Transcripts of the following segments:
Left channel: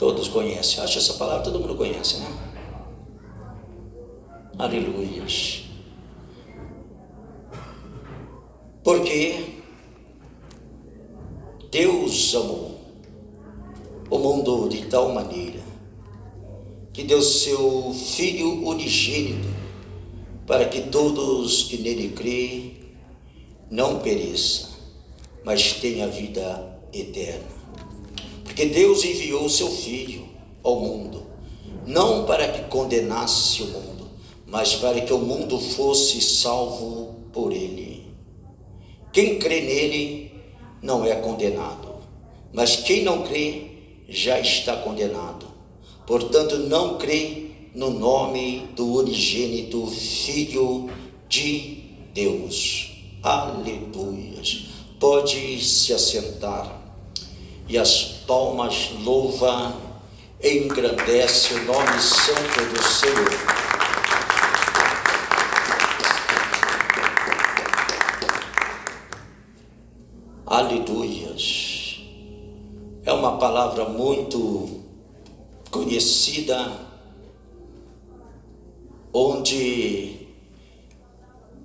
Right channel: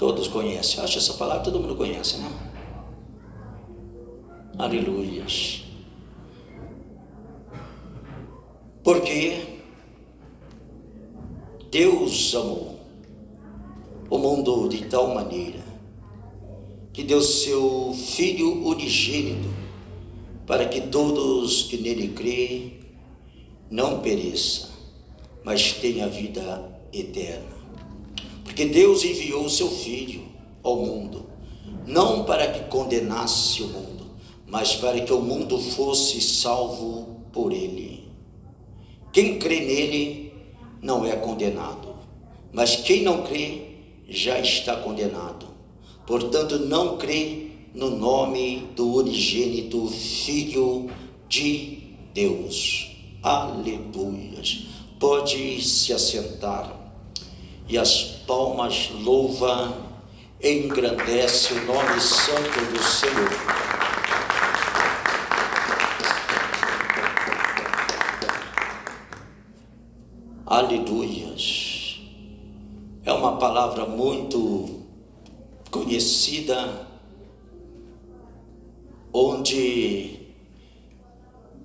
Todos conhecem. Acho essa palavra todo mundo conhece, né? Aleluias. Porque Deus amou o mundo de tal maneira que deu seu Filho unigênito, para que todos que nele crêem não pereçam, mas tenham a vida eterna. Porque Deus enviou o seu Filho ao mundo, não para que condenasse o mundo, mas para que o mundo fosse salvo por ele. Quem crê nele não é condenado, mas quem não crê já está condenado. Portanto, não crê no nome do unigênito Filho de Deus. Aleluias. Pode se assentar. E as palmas louva e engrandece o nome santo do Senhor. Aleluias. É uma palavra muito conhecida, onde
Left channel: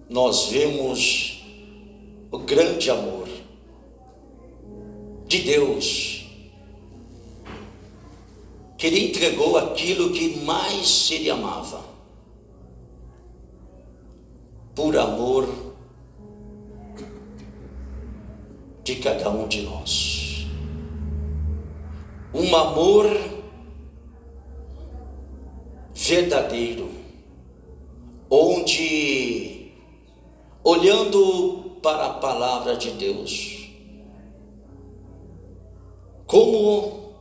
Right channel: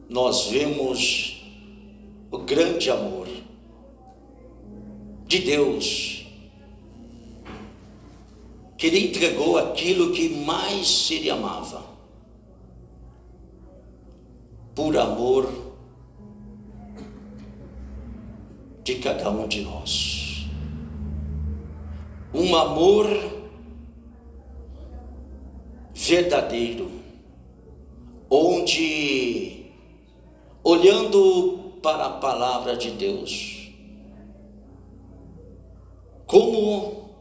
nós vemos o grande amor de Deus, que Ele entregou aquilo que mais Ele amava, por amor de cada um de nós. Um amor verdadeiro, onde, olhando para a palavra de Deus, como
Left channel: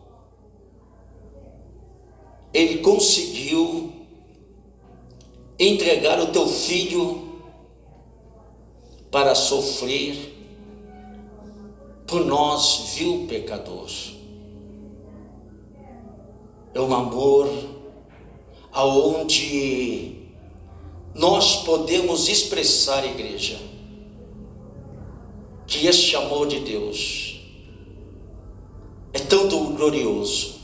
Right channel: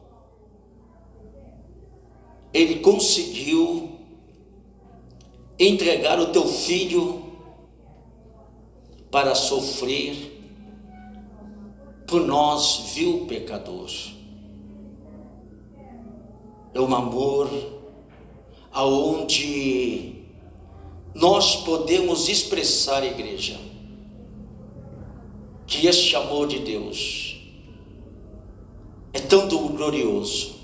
Ele conseguiu entregar o teu filho para sofrer por nós, vil pecador. É um amor aonde nós podemos expressar, igreja, que este amor de Deus é tão glorioso,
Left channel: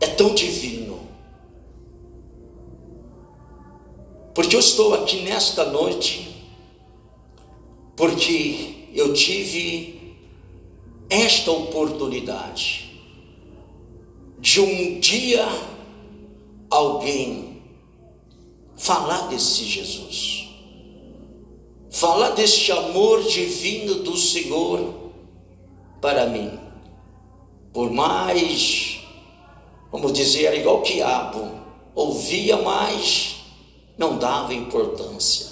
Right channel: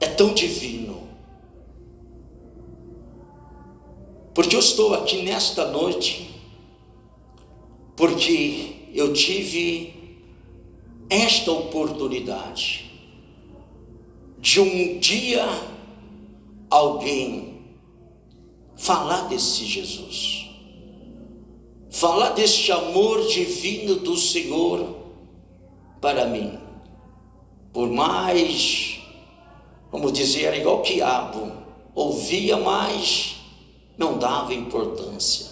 é tão divino. Porque eu estou aqui nesta noite, porque eu tive esta oportunidade de um dia alguém falar desse Jesus, falar deste amor divino do Senhor para mim. Por mais, vamos dizer, era igual quiabo, ouvia, mas não dava importância.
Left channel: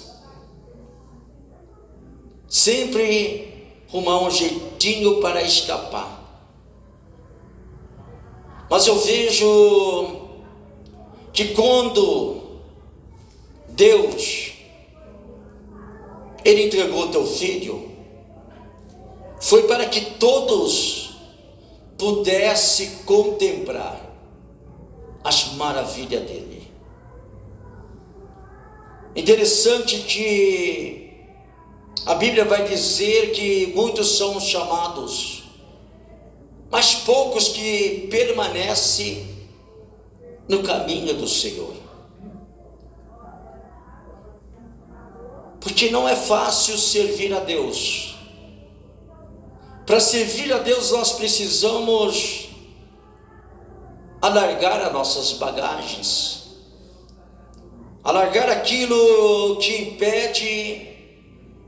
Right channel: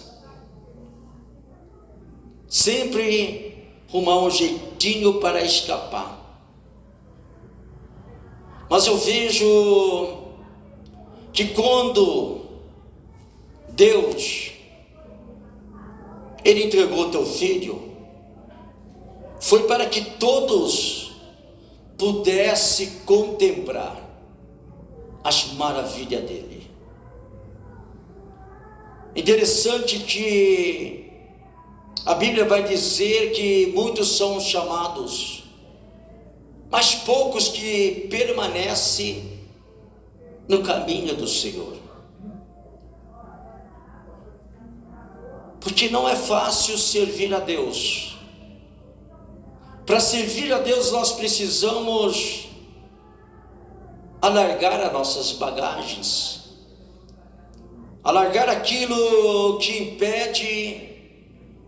Sempre arrumar um jeitinho para escapar. Mas eu vejo que quando Deus, Ele entregou teu filho, foi para que todos pudessem contemplar as maravilhas dele. Interessante que a Bíblia vai dizer que muitos são chamados, mas poucos que permanecem no caminho do Senhor. Porque não é fácil servir a Deus. Para servir a Deus nós precisamos alargar as nossas bagagens, alargar aquilo que impede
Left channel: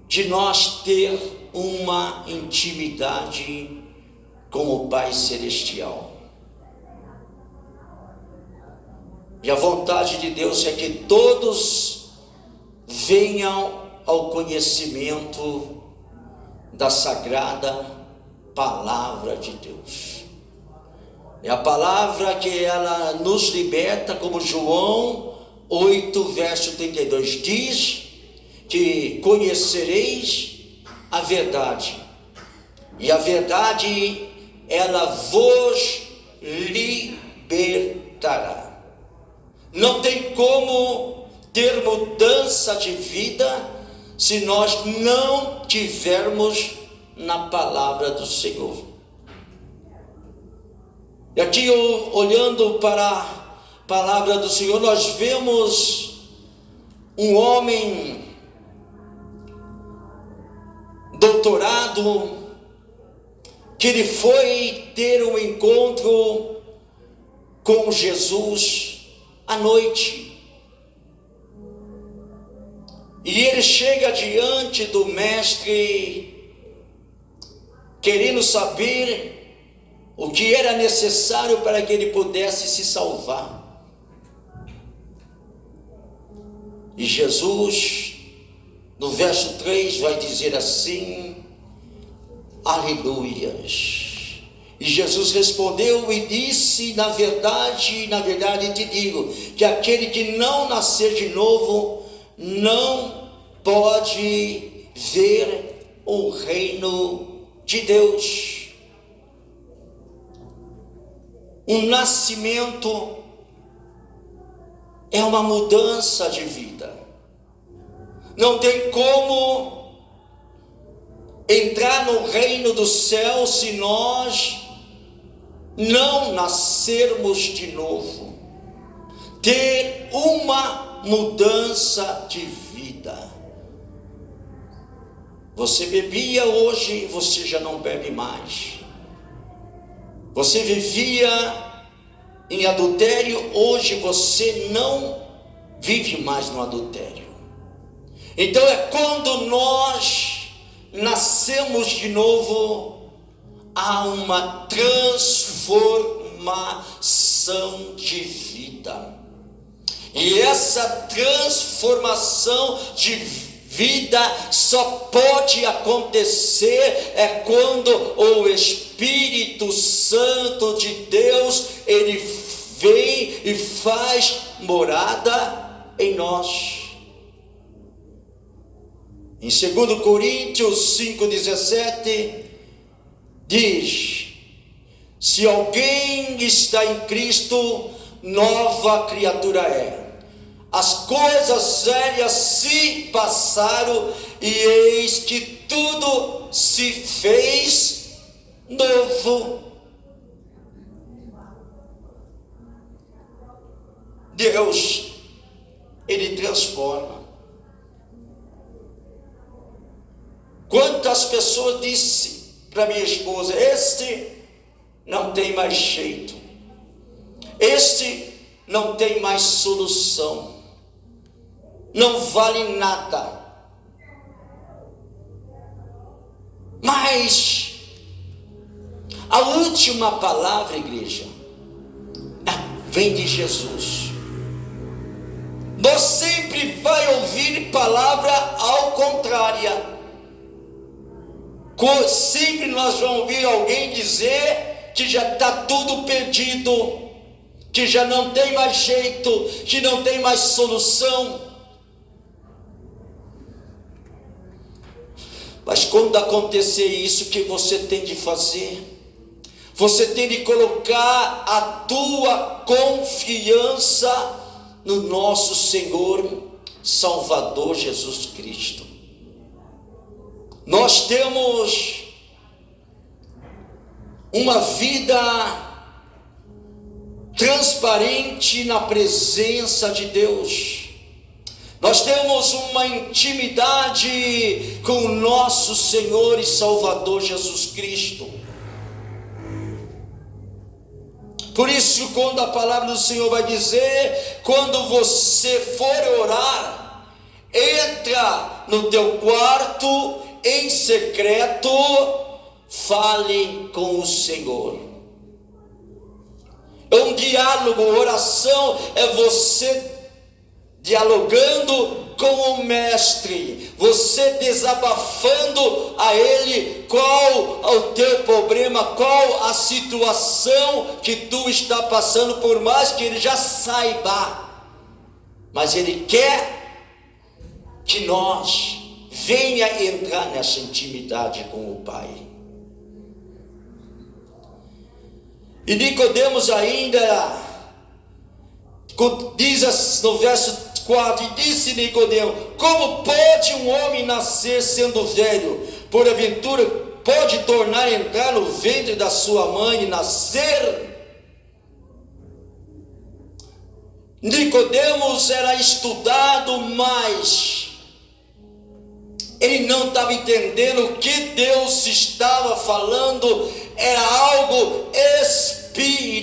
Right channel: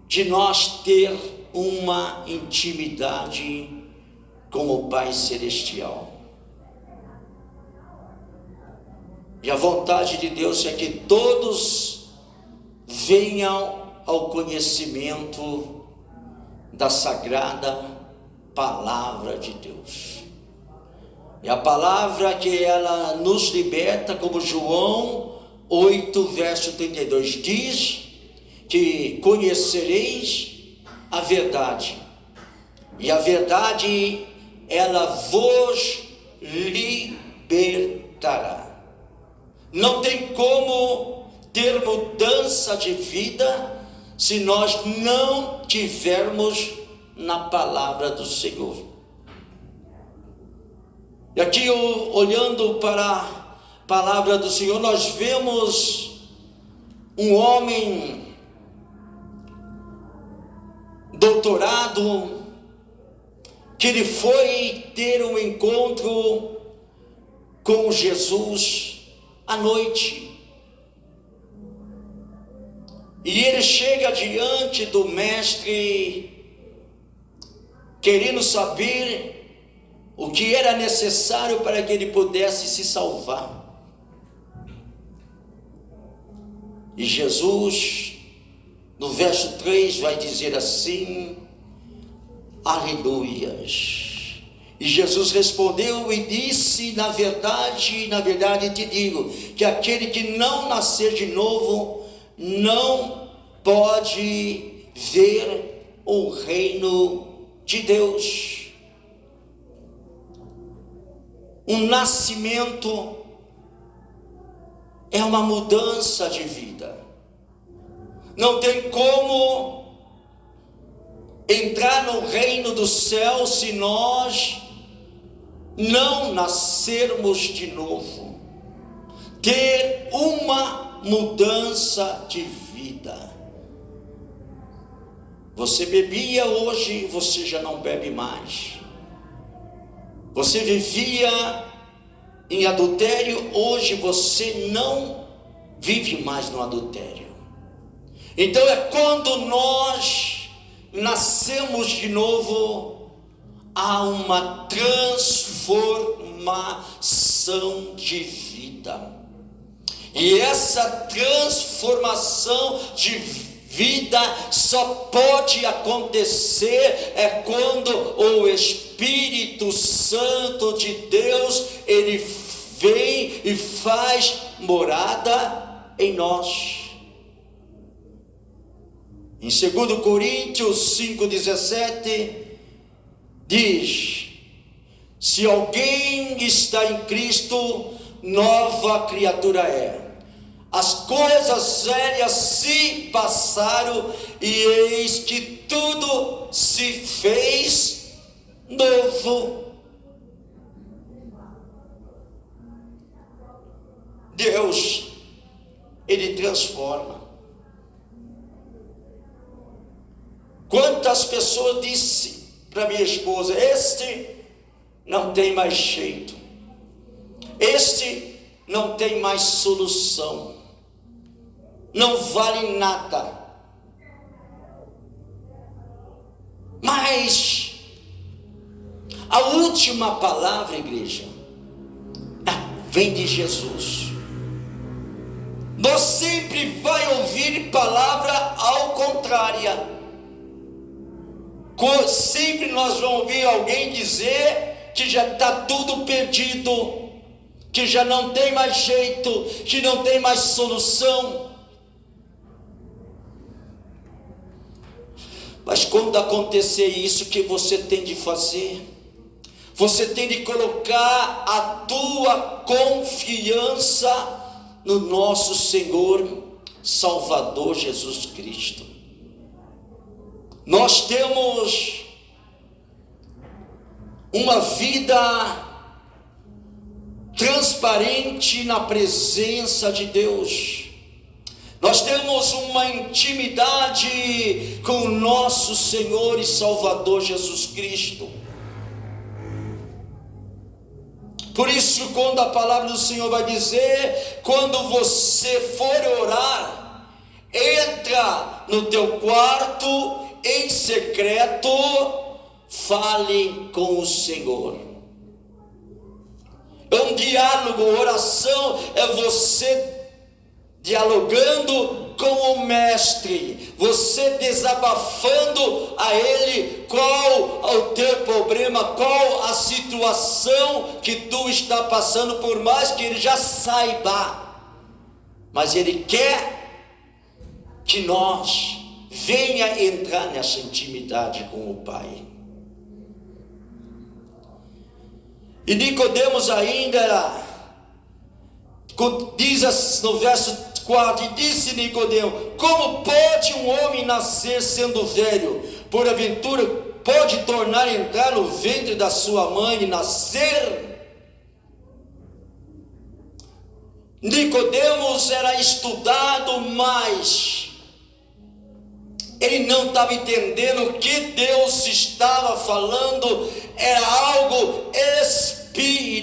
de nós ter uma intimidade com o Pai Celestial. E a vontade de Deus é que todos venham ao conhecimento da sagrada palavra de Deus. É a palavra que ela nos liberta, como João 8, verso 32 diz, que conhecereis a verdade, e a verdade ela vos libertará. Não tem como ter mudança de vida se nós não tivermos na palavra do Senhor. E aqui, olhando para a palavra do Senhor, nós vemos um homem doutorado, que ele foi ter um encontro com Jesus à noite. E ele chega diante do mestre, querendo saber o que era necessário para que ele pudesse se salvar. E Jesus, no verso 3, vai dizer assim: aleluias. E Jesus respondeu e disse: na verdade te digo, que aquele que não nascer de novo, não pode ver o reino de Deus. Um nascimento é uma mudança de vida. Não tem como entrar no reino do céu se nós não nascermos de novo. Ter uma mudança de vida. Você bebia, hoje você já não bebe mais. Você vivia em adultério, hoje você não vive mais no adultério. Então é quando nós nascemos de novo, há uma transformação de vida. E essa transformação de vida só pode acontecer quando o Espírito Santo de Deus, ele vem e faz morada em nós. Em 2 Coríntios 5,17 diz: se alguém está em Cristo, nova criatura é. As coisas velhas se passaram e eis que tudo se fez novo. Deus, ele transforma. Quantas pessoas disse para minha esposa: este não tem mais jeito, este não tem mais solução, não vale nada. Mas a última palavra, igreja, vem de Jesus. Nós sempre vai ouvir palavra ao contrária. Sempre nós vamos ouvir alguém dizer que já está tudo perdido, que já não tem mais jeito, que não tem mais solução. Mas quando acontecer isso, o que você tem de fazer? Você tem de colocar a tua confiança no nosso Senhor Salvador Jesus Cristo. Nós temos uma vida transparente na presença de Deus. Nós temos uma intimidade com o nosso Senhor e Salvador Jesus Cristo. Por isso, quando a palavra do Senhor vai dizer: quando você for orar, entra no teu quarto em secreto, fale com o Senhor. Um diálogo, oração, é você dialogando com o mestre, você desabafando a ele qual o teu problema, qual a situação que tu está passando, por mais que ele já saiba, mas ele quer que nós venha entrar nessa intimidade com o Pai. E Nicodemos ainda diz no verso 4: e disse Nicodemo: como pode um homem nascer sendo velho? Porventura pode tornar a entrar no ventre da sua mãe e nascer? Nicodemos era estudado, mas ele não estava entendendo o que Deus estava falando, era algo espiritual.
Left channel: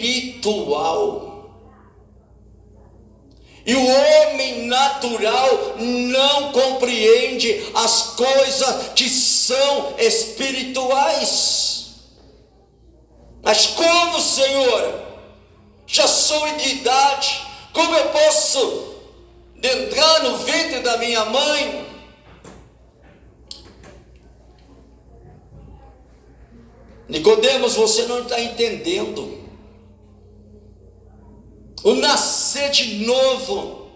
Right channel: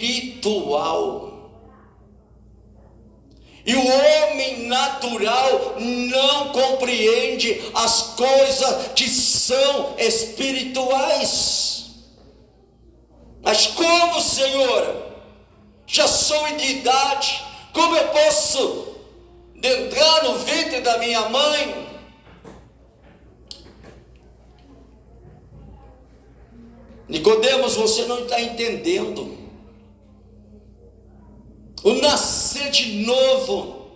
E o homem natural não compreende as coisas que são espirituais. Mas como, Senhor, já sou de idade, como eu posso entrar no ventre da minha mãe? Nicodemos, você não está entendendo. O nascer de novo,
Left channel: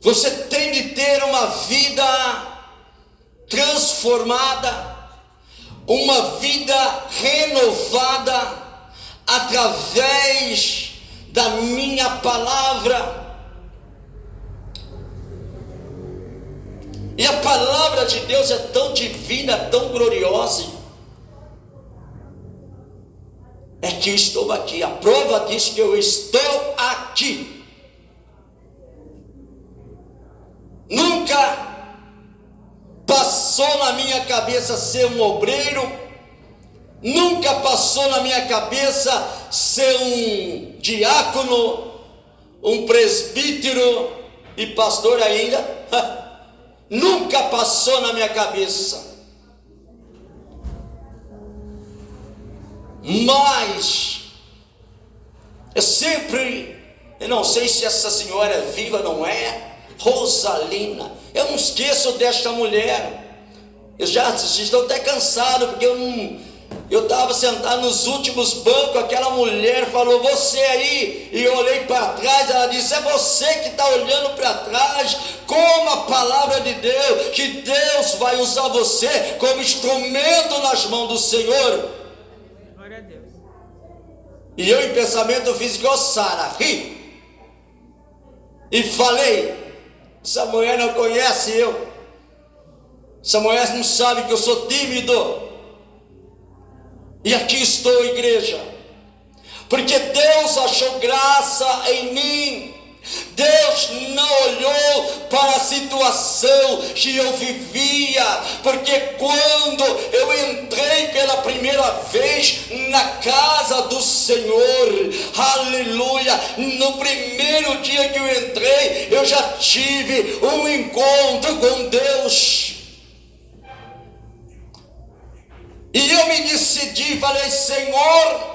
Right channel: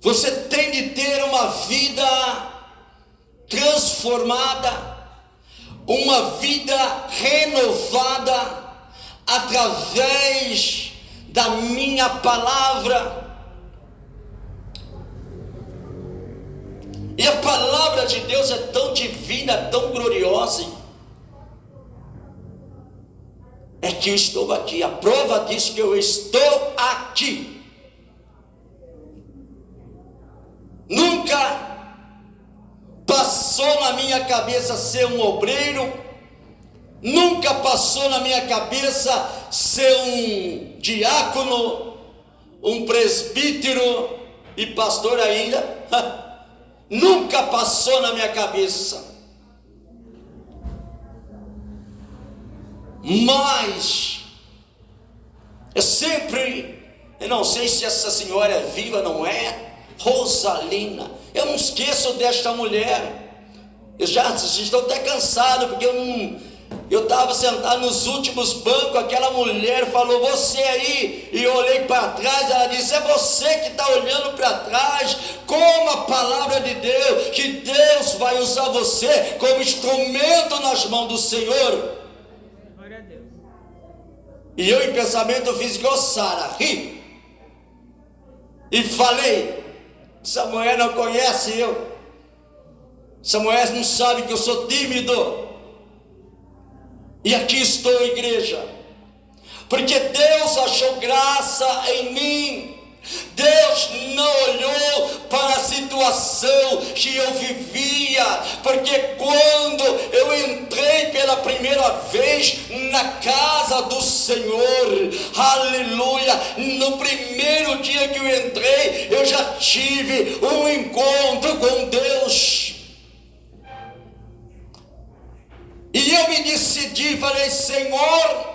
você tem de ter uma vida transformada, uma vida renovada, através da minha palavra. E a palavra de Deus é tão divina, tão gloriosa. É que eu estou aqui, a prova diz que eu estou aqui. Nunca passou na minha cabeça ser um obreiro, nunca passou na minha cabeça ser um diácono, um presbítero e pastor ainda. Nunca passou na minha cabeça. Mas eu não sei se essa senhora é viva, não é? Rosalina, eu não esqueço desta mulher. Eu já estou até cansado, porque eu estava sentado nos últimos bancos, aquela mulher falou, você aí, e eu olhei para trás, ela disse, é você que está olhando para trás, como a palavra de Deus, que Deus vai usar você como instrumento nas mãos do Senhor. E eu em pensamento fiz igual Sara, ri, e falei, essa mulher não conhece eu, essa mulher não sabe que eu sou tímido, e aqui estou, igreja, porque Deus achou graça em mim. Deus não olhou para a situação que eu vivia, porque quando eu entrei pela primeira vez na casa do Senhor, aleluia, no primeiro dia que eu entrei, eu já tive um encontro com Deus, e eu me decidi, falei, Senhor,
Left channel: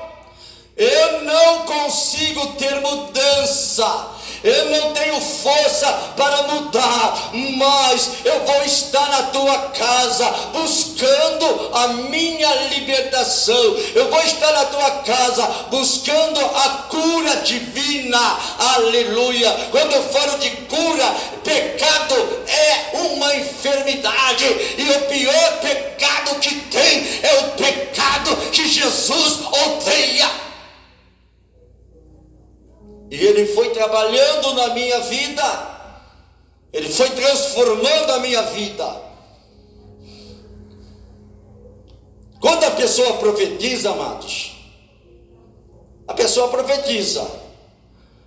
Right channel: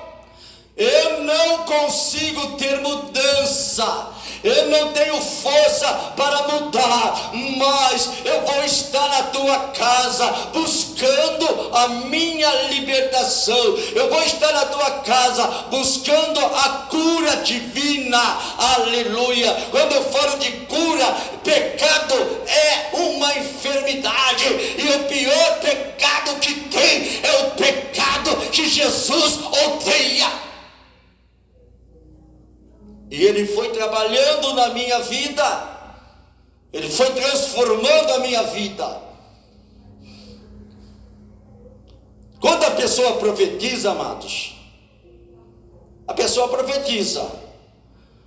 eu não consigo ter mudança, eu não tenho força para mudar, mas eu vou estar na tua casa buscando a minha libertação, eu vou estar na tua casa buscando a cura divina, aleluia. Quando eu falo de cura, pecado é uma enfermidade, e o pior pecado que tem é o pecado que Jesus odeia. E Ele foi trabalhando na minha vida, Ele foi transformando a minha vida. Quando a pessoa profetiza, amados, a pessoa profetiza,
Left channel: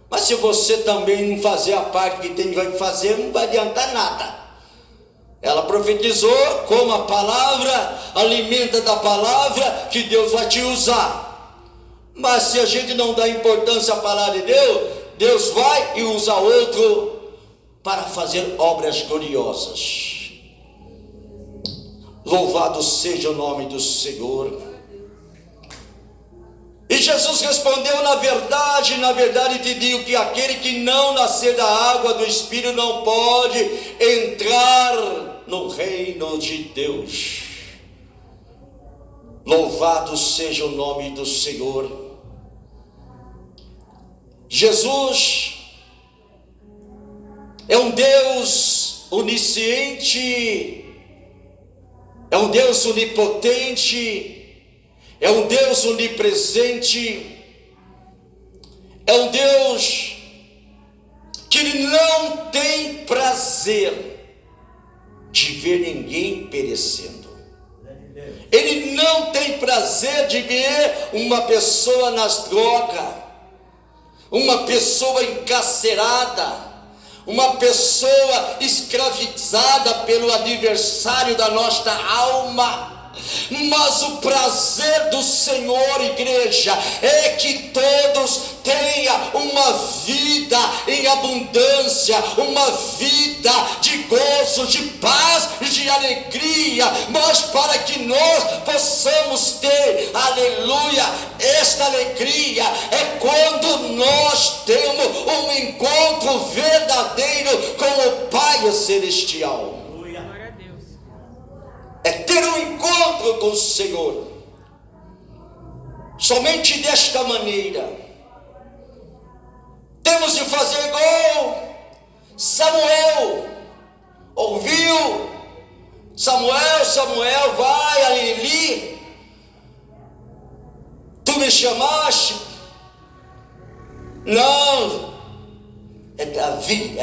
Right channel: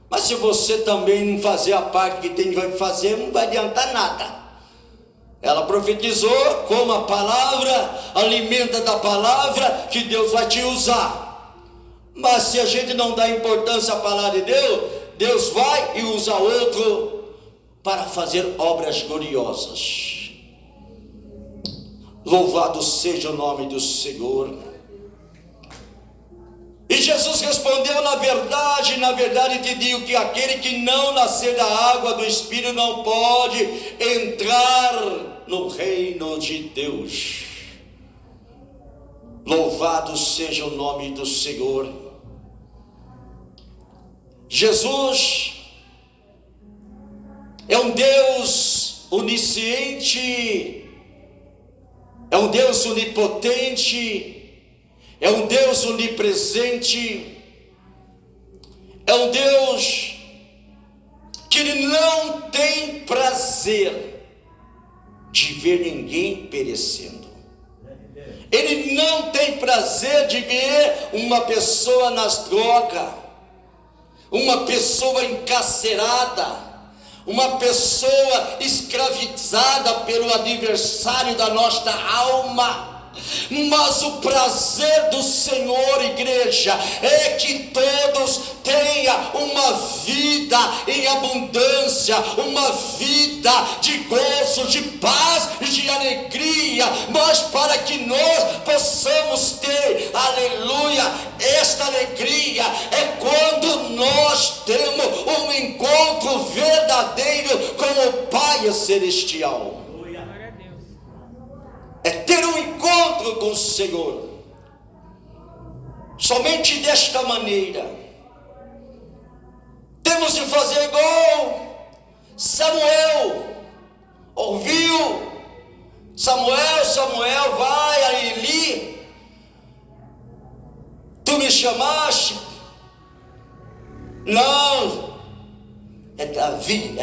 mas se você também não fazer a parte que tem que fazer, não vai adiantar nada. Ela profetizou, como a palavra, alimenta da palavra, que Deus vai te usar. Mas se a gente não dá importância à palavra de Deus, Deus vai e usa outro para fazer obras gloriosas. Louvado seja o nome do Senhor. E Jesus respondeu, na verdade te digo que aquele que não nascer da água do Espírito não pode entrar no reino de Deus. Louvado seja o nome do Senhor. Jesus é um Deus onisciente, é um Deus onipotente, é um Deus onipresente, é um Deus que Ele não tem prazer de ver ninguém perecendo. Ele não tem prazer de ver uma pessoa nas drogas, uma pessoa encarcerada, uma pessoa escravizada pelo adversário da nossa alma. Mas o prazer do Senhor, igreja, é que todos tenham uma vida em abundância, uma vida de gozo, de paz e de alegria. Mas para que nós possamos ter, aleluia, esta alegria, é quando nós temos um encontro verdadeiro com o Pai Celestial. É ter um encontro com o Senhor. Somente desta maneira temos de fazer igual Samuel ouviu. Samuel, vai a Eli. Tu me chamaste? Não, é Davi,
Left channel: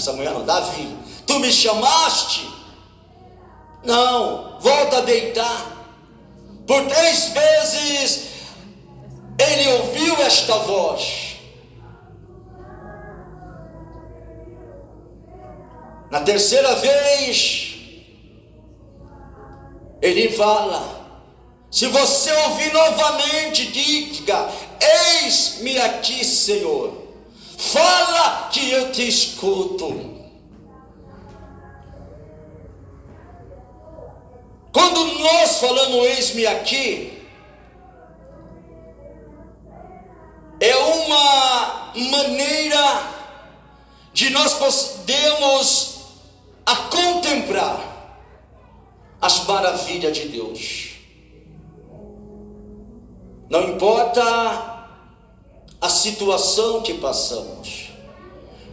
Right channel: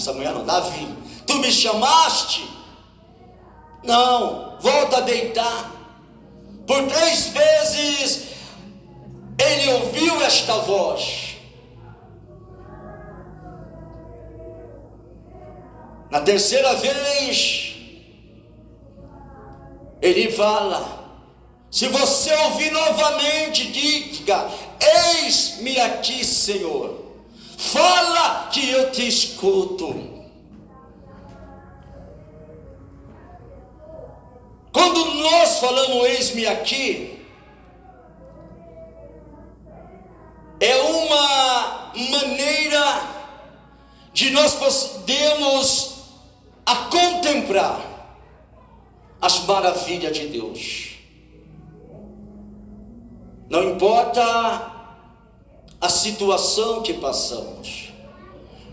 Samuel não, Davi. Tu me chamaste? Não, volta a deitar. Por 3 vezes ele ouviu esta voz. Na 3ª vez ele fala: se você ouvir novamente, diga: eis-me aqui, Senhor, fala que eu te escuto. Quando nós falamos eis-me aqui, é uma maneira de nós podermos a contemplar as maravilhas de Deus. Não importa a situação que passamos,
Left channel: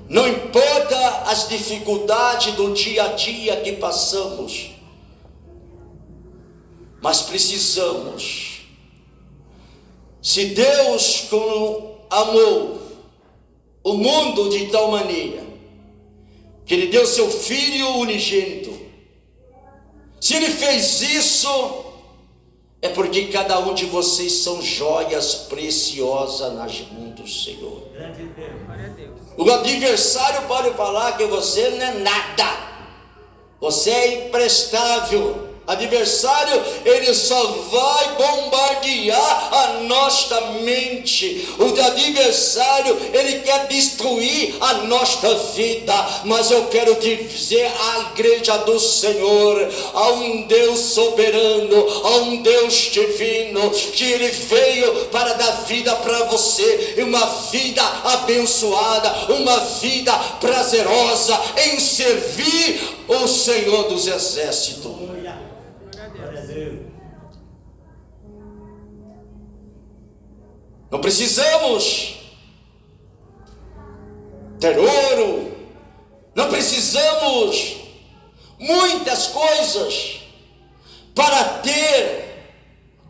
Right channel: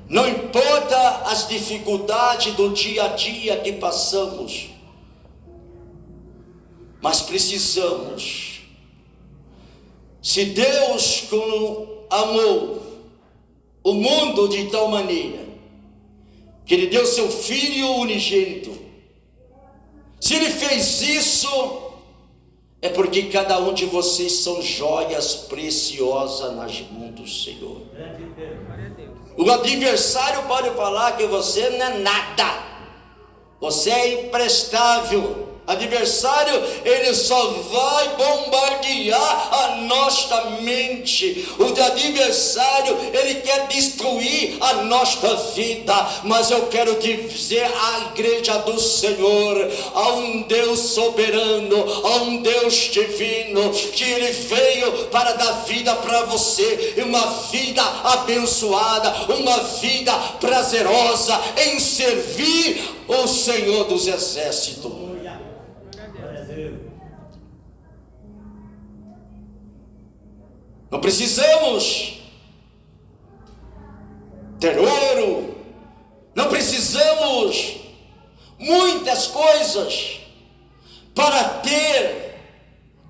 não importa as dificuldades do dia a dia que passamos, mas precisamos, se Deus amou o mundo de tal maneira que Ele deu seu Filho unigênito, se Ele fez isso, é porque cada um de vocês são joias preciosas nas mãos do Senhor. O adversário pode falar que você não é nada, você é imprestável. Adversário, ele só vai bombardear a nossa mente. O adversário, ele quer destruir a nossa vida. Mas eu quero dizer à igreja do Senhor: há um Deus soberano, há um Deus divino, que Ele veio para dar vida para você, uma vida abençoada, uma vida prazerosa em servir o Senhor dos Exércitos. Não precisamos ter ouro, não precisamos muitas coisas para ter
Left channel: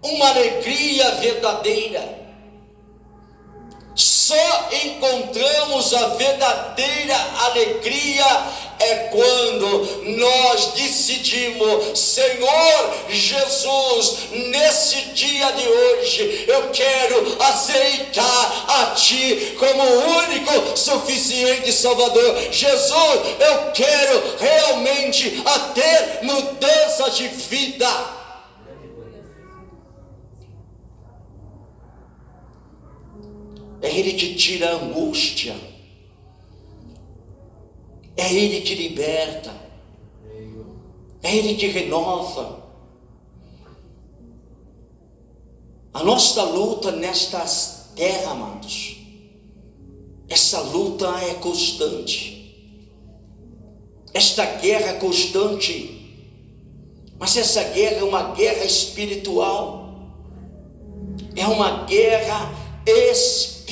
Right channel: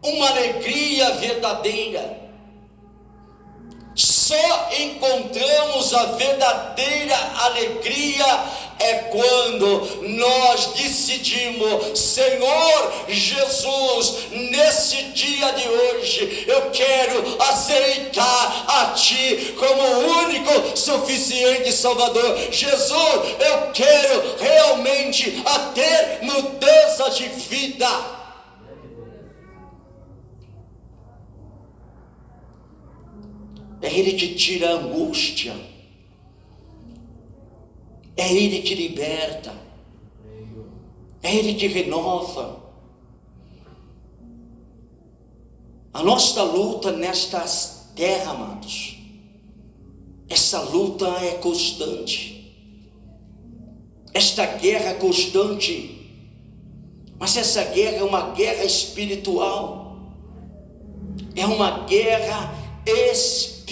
uma alegria verdadeira. Só encontramos a verdadeira alegria quando nós decidimos: Senhor Jesus, nesse dia de hoje eu quero aceitar a Ti como o único suficiente Salvador. Jesus, eu quero realmente ter mudança de vida. É Ele que tira a angústia, é Ele que liberta, é Ele que renova. A nossa luta nesta terra, amados, essa luta é constante, esta guerra é constante, mas essa guerra é uma guerra espiritual, é uma guerra espiritual.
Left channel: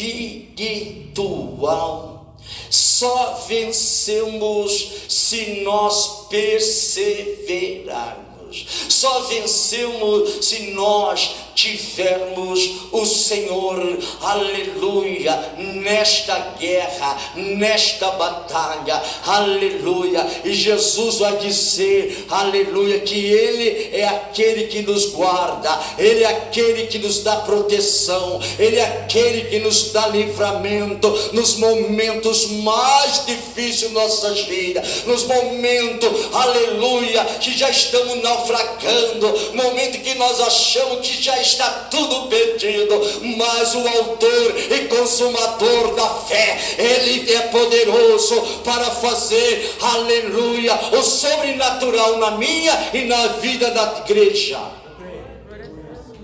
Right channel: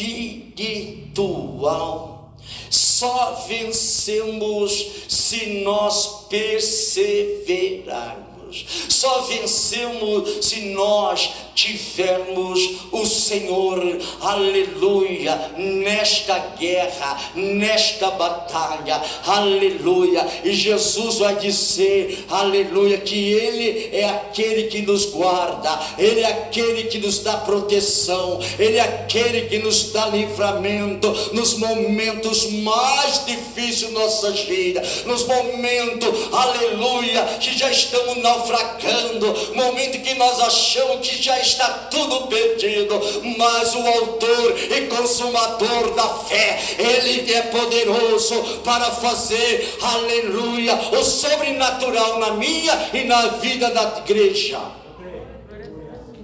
Só vencemos se nós perseverarmos. Só vencemos se nós tivermos o Senhor, aleluia, nesta guerra, nesta batalha, aleluia. E Jesus vai dizer, aleluia, que Ele é aquele que nos guarda, Ele é aquele que nos dá proteção, Ele é aquele que nos dá livramento nos momentos mais difíceis da nossa vida, nos momentos, aleluia, que já estamos naufragando, momento que nós achamos que já está tudo perdido, mas o autor e consumador da fé, Ele é poderoso para fazer, aleluia, o sobrenatural na minha e na vida da igreja.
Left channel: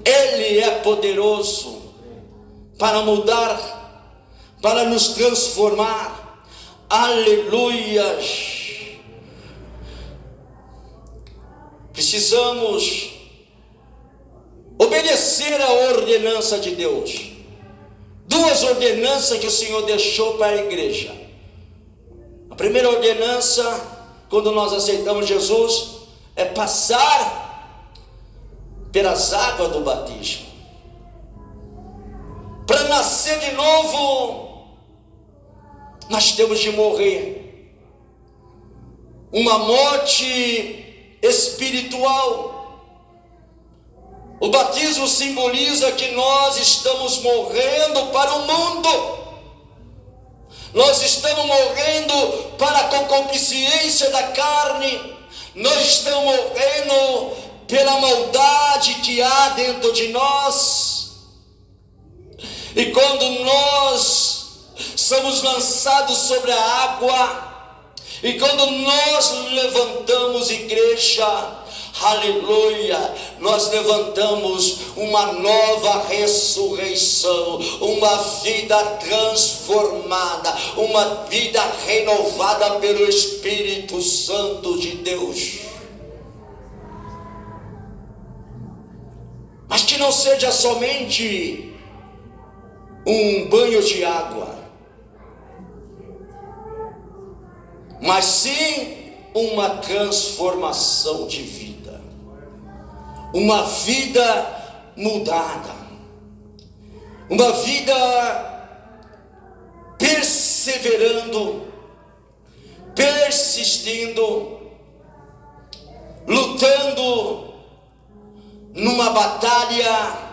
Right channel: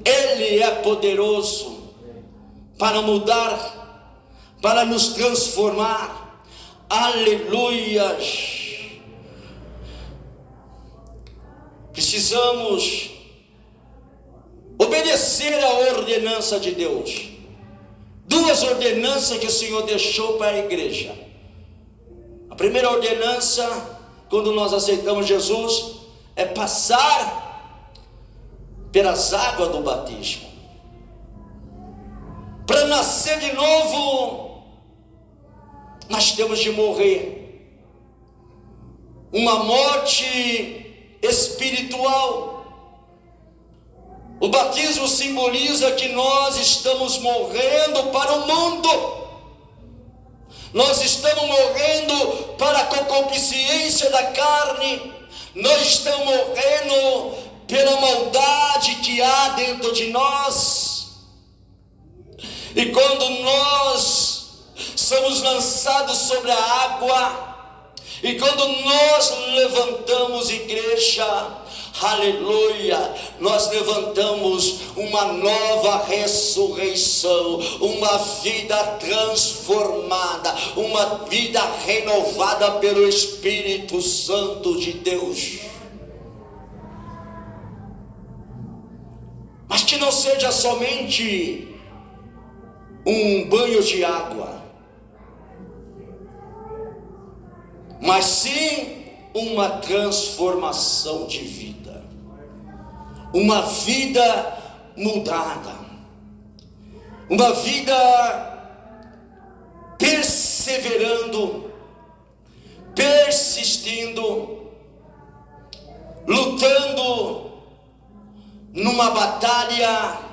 Ele é poderoso para mudar, para nos transformar, aleluia. Precisamos obedecer a ordenança de Deus. Duas ordenanças que o Senhor deixou para a igreja. A primeira ordenança, quando nós aceitamos Jesus, é passar pelas águas do batismo. Para nascer de novo, nós temos de morrer. Uma morte espiritual. O batismo simboliza que nós estamos morrendo para o mundo. Nós estamos morrendo para a concupiscência da carne. Nós estamos morrendo pela maldade que há dentro de nós. E quando nós somos lançados sobre a água, e quando nós levantamos igreja, aleluia, nós levantamos uma nova ressurreição, uma vida transformada, uma vida renovada pelo Espírito Santo de Deus. Mas que não seja somente um banho de água, mas sim uma transformação de vida, uma vida mudada, uma vida perseverando, persistindo, lutando numa batalha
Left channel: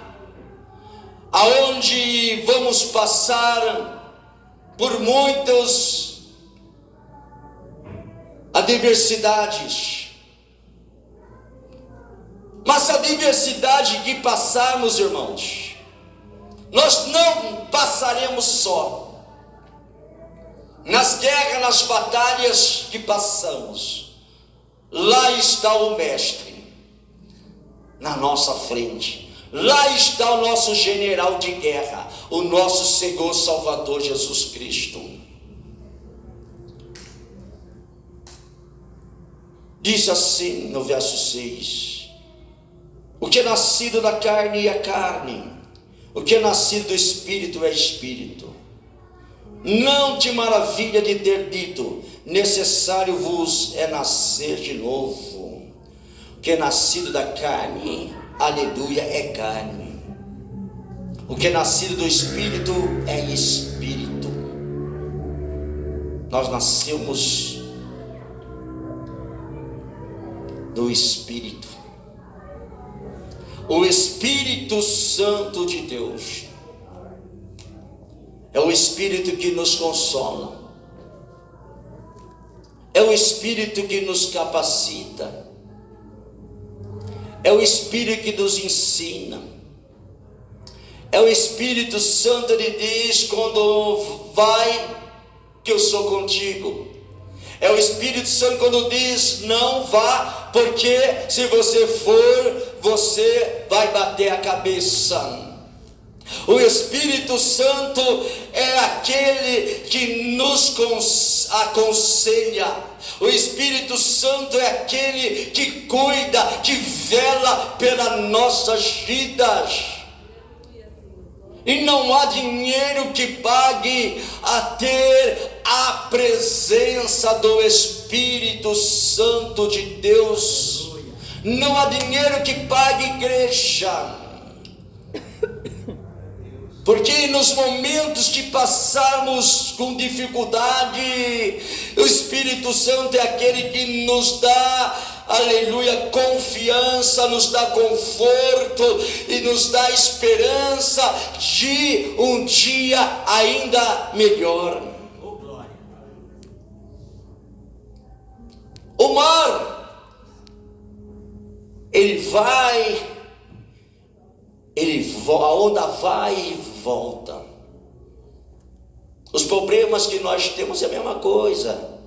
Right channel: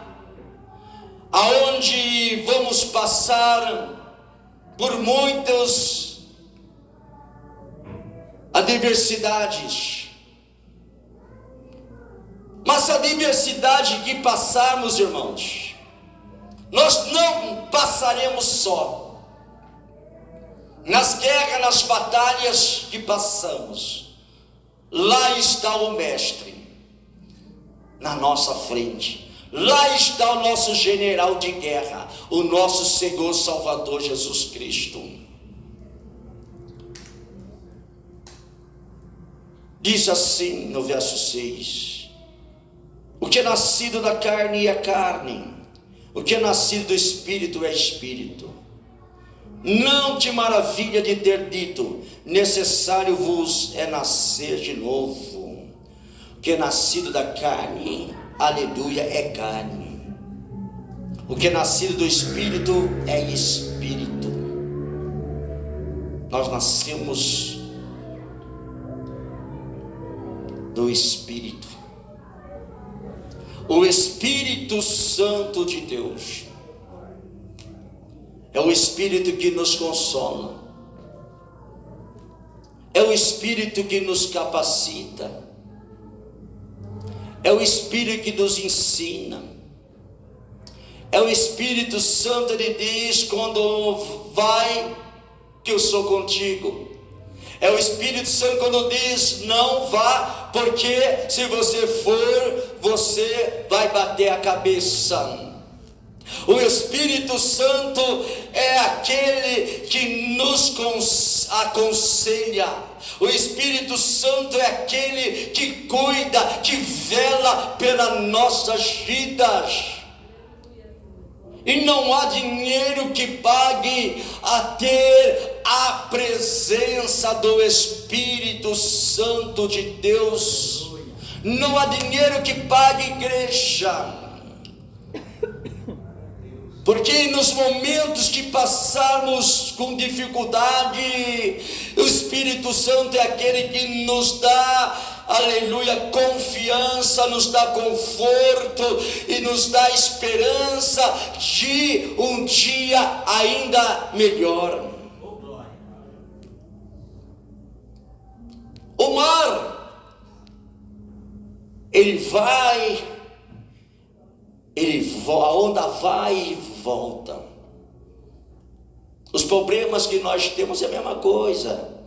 aonde vamos passar por muitas adversidades. Mas a adversidade que passarmos, irmãos, nós não passaremos só. Nas guerras, nas batalhas que passamos, lá está o Mestre na nossa frente. Lá está o nosso general de guerra, o nosso Senhor Salvador Jesus Cristo. Diz assim no verso 6: o que é nascido da carne é carne, o que é nascido do Espírito é Espírito. Não te maravilha de ter dito: necessário vos é nascer de novo. O que é nascido da carne, aleluia, é carne. O que é nascido do Espírito é Espírito. Nós nascemos do Espírito. O Espírito Santo de Deus é o Espírito que nos consola, é o Espírito que nos capacita, é o Espírito que nos ensina, é o Espírito Santo de Deus quando vai, que eu sou contigo. É o Espírito Santo quando diz: não vá, porque se você for, você vai bater a cabeça. O Espírito Santo é aquele que nos aconselha. O Espírito Santo é aquele que cuida, que vela pelas nossas vidas. E não há dinheiro que pague a ter a presença do Espírito Santo de Deus. Não há dinheiro que pague, igreja. Porque nos momentos que passarmos com dificuldade, o Espírito Santo é aquele que nos dá, aleluia, confiança, nos dá conforto e nos dá esperança de um dia ainda melhor. O mar, a onda vai e volta. Os problemas que nós temos é a mesma coisa.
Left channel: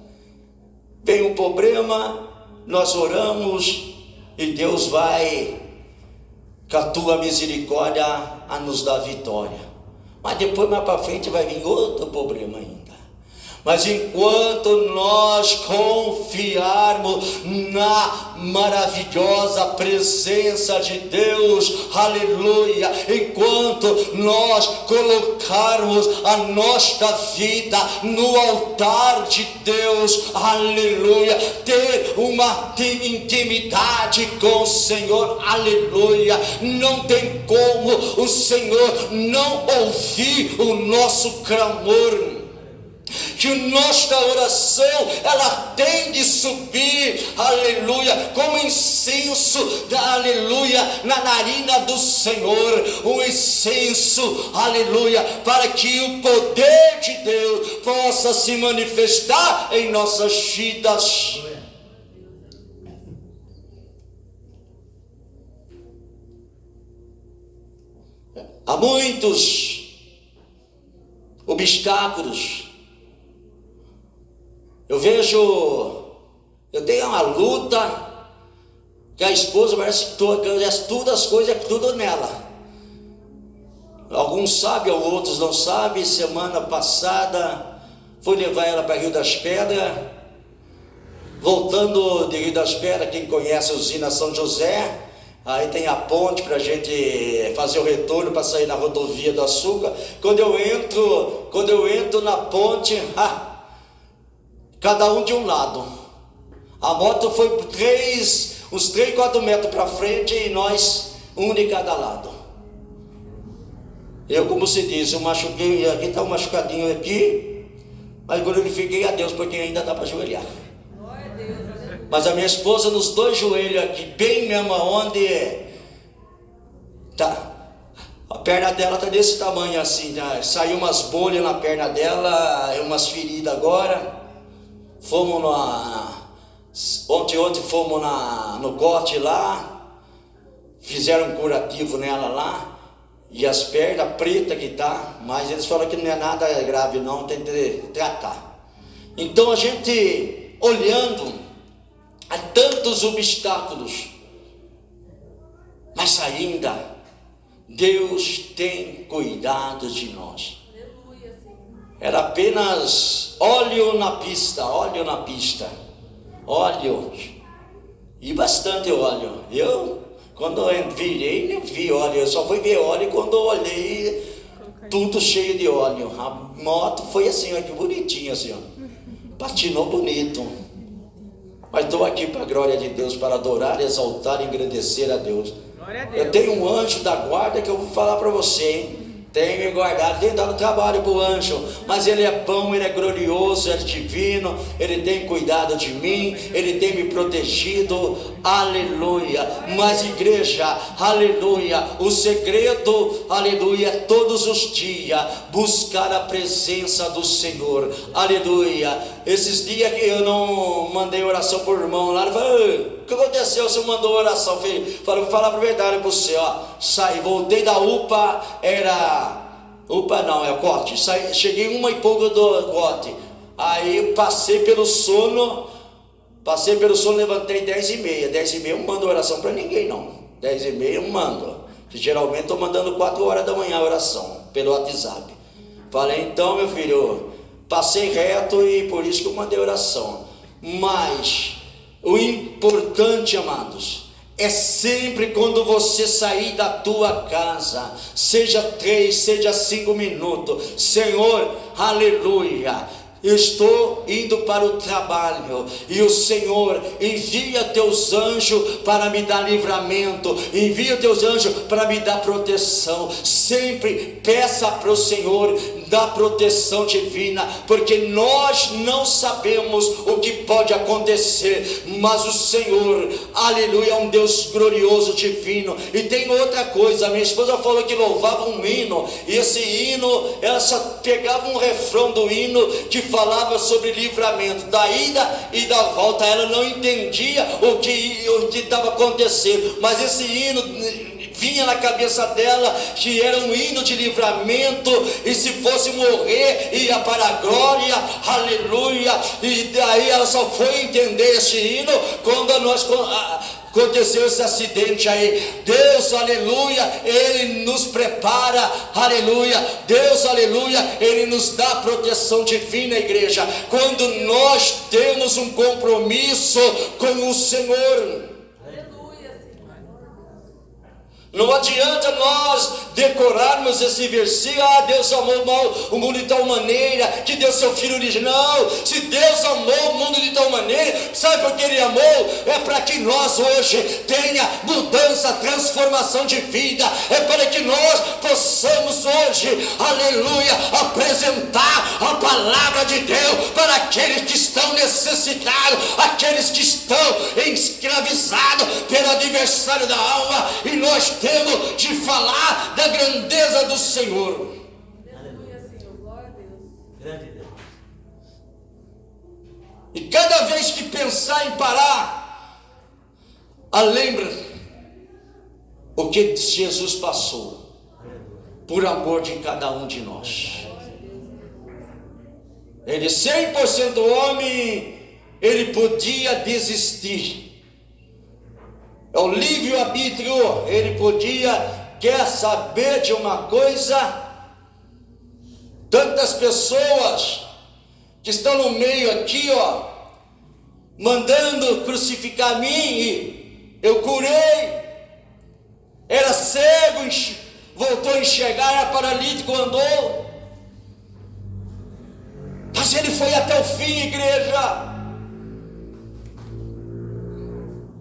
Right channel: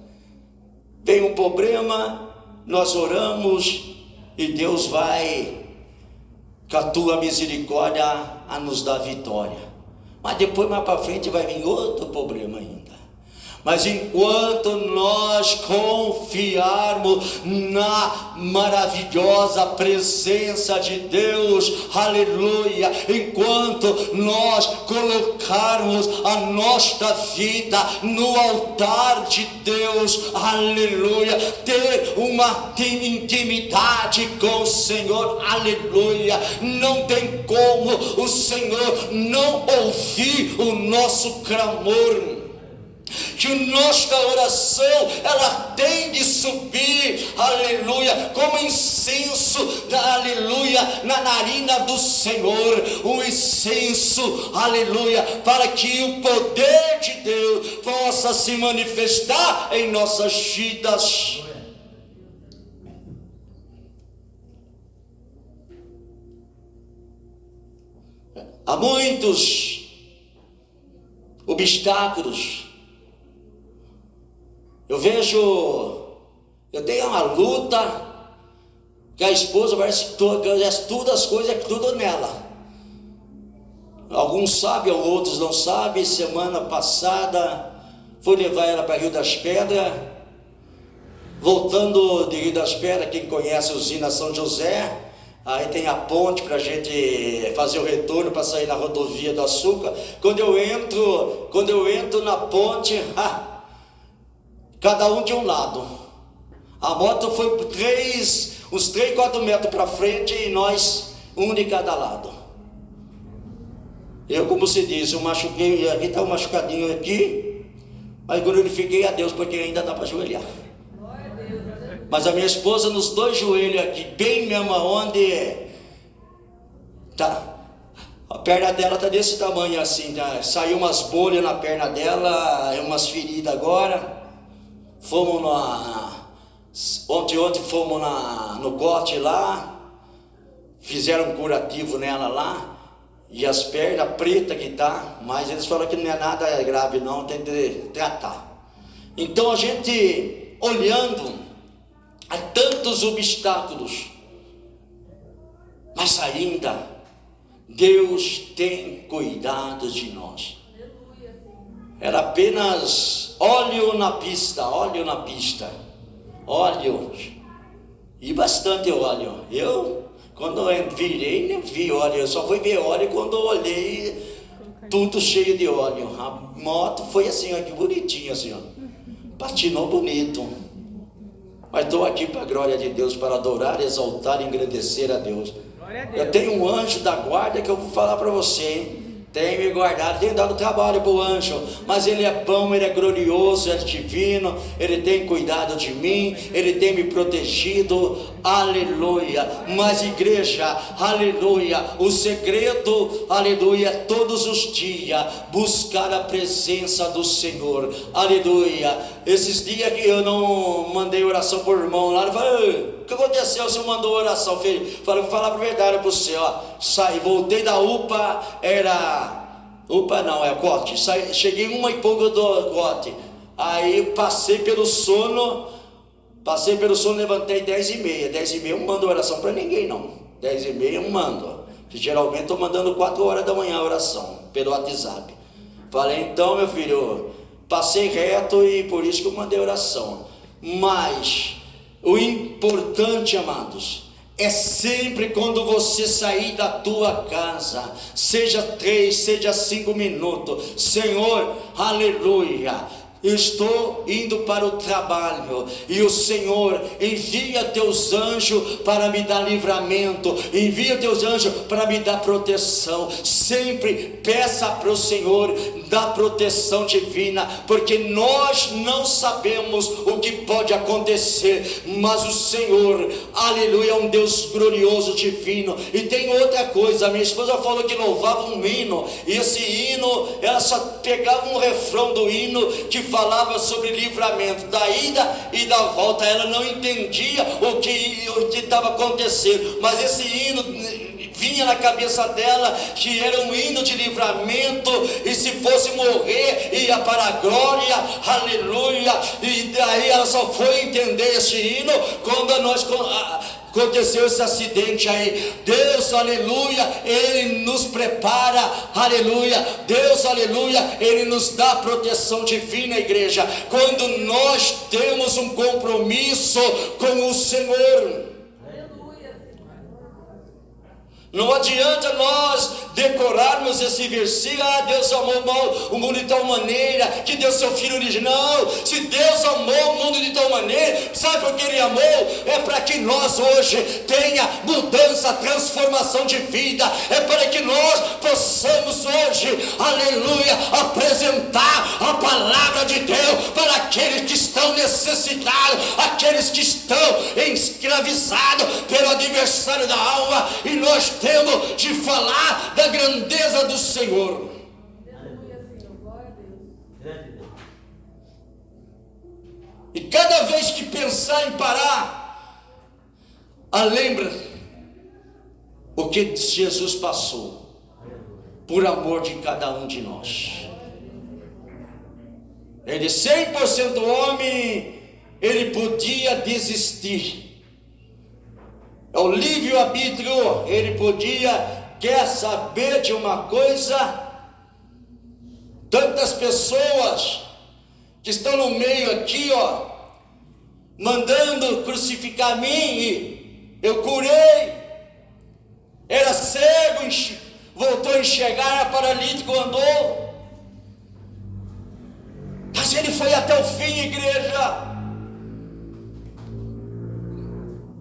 Vem um problema, nós oramos e Deus vai, com a tua misericórdia, a nos dar vitória. Mas depois, mais para frente, vai vir outro problema ainda. Mas enquanto nós confiarmos na maravilhosa presença de Deus, aleluia, enquanto nós colocarmos a nossa vida no altar de Deus, aleluia, ter uma intimidade com o Senhor, aleluia, não tem como o Senhor não ouvir o nosso clamor. Que nossa oração, ela tem de subir, aleluia, como incenso, aleluia, na narina do Senhor, um incenso, aleluia, para que o poder de Deus possa se manifestar em nossas vidas. Há muitos obstáculos. Eu tenho uma luta, que a esposa parece que todas as coisas é tudo nela. Alguns sabem, outros não sabem. Semana passada, fui levar ela para Rio das Pedras. Voltando de Rio das Pedras, quem conhece a usina São José, aí tem a ponte para a gente fazer o retorno, para sair na rodovia do açúcar. Quando eu entro na ponte, cada um de um lado. A moto foi uns 3, 4 metros para frente e nós, um de cada lado. Eu, como se diz, eu machuquei, aqui está um machucadinho aqui, mas glorifiquei a Deus, porque ainda dá para ajoelhar. Mas a minha esposa, nos 2 joelhos aqui, bem mesmo onde tá, a perna dela está desse tamanho assim, tá? Saiu umas bolhas na perna dela, umas feridas agora. Fomos ontem fomos no corte lá, fizeram um curativo nela lá, e as pernas pretas que tá, mas eles falaram que não é nada grave não, tem que tratar. Então a gente olhando a tantos obstáculos, mas ainda Deus tem cuidado de nós. Era apenas óleo na pista, óleo, e bastante óleo. Eu, quando eu virei, nem vi óleo, eu só fui ver óleo quando eu olhei, tudo cheio de óleo. A moto foi assim, ó, que bonitinha assim, ó, patinou bonito. Mas estou aqui para a glória de Deus, para adorar, exaltar e engrandecer a Deus. Eu tenho um anjo da guarda que eu vou falar para você, hein? Tem me guardado, tem dado trabalho para o anjo, mas ele é bom, ele é glorioso, ele é divino, ele tem cuidado de mim, ele tem me protegido, aleluia. Mas igreja, aleluia, o segredo, aleluia, é todos os dias buscar a presença do Senhor, aleluia. Esses dias que eu não mandei oração por irmão lá, ele falou: o que aconteceu? Você mandou oração, filho? Falei: vou falar a verdade para você, ó. Saí, voltei da UPA, UPA não, é o corte. Cheguei 1 e pouco do corte. Aí passei pelo sono, levantei 10h30. 10h30 eu não mando oração para ninguém não. 10h30 eu não mando. Geralmente estou mandando 4 horas da manhã a oração, pelo WhatsApp. Falei: então, meu filho, passei reto e por isso que eu mandei oração. Mas o importante, amados, é sempre quando você sair da tua casa, seja 3, seja 5 minutos, Senhor, aleluia, eu estou indo para o trabalho, e o Senhor envia teus anjos para me dar livramento, envia teus anjos para me dar proteção. Sempre peça para o Senhor da proteção divina, porque nós não sabemos o que pode acontecer, mas o Senhor, aleluia, é um Deus glorioso, divino. E tem outra coisa, minha esposa falou que louvava um hino, e esse hino, ela só pegava um refrão do hino que falava sobre livramento, da ida e da volta. Ela não entendia o que estava acontecendo, mas esse hino vinha na cabeça dela que era um hino de livramento, e se fosse morrer, ia para a glória, aleluia. E daí ela só foi entender esse hino quando aconteceu esse acidente aí. Deus, aleluia, Ele nos prepara, aleluia. Deus, aleluia, Ele nos dá proteção divina, igreja, quando nós temos um compromisso com o Senhor. Não adianta nós decorarmos esse versículo, Deus amou o mundo de tal maneira que deu seu Filho original. Se Deus amou o mundo de tal maneira, sabe por que Ele amou? É para que nós hoje tenha mudança, transformação de vida. É para que nós possamos hoje, aleluia, apresentar a palavra de Deus para aqueles que estão necessitados, aqueles que estão escravizados pelo adversário da alma. E nós temos de falar da grandeza do Senhor. Aleluia, Senhor. Glória a Deus. Grande Deus. E cada vez que pensar em parar, lembra o que Jesus passou por amor de cada um de nós. Ele 100% homem, ele podia desistir. É o livre-arbítrio. Ele quer saber de uma coisa. Tantas pessoas que estão no meio aqui, mandando crucificar mim, e eu curei. Era cego, voltou a enxergar, era paralítico, andou. Mas ele foi até o fim, igreja.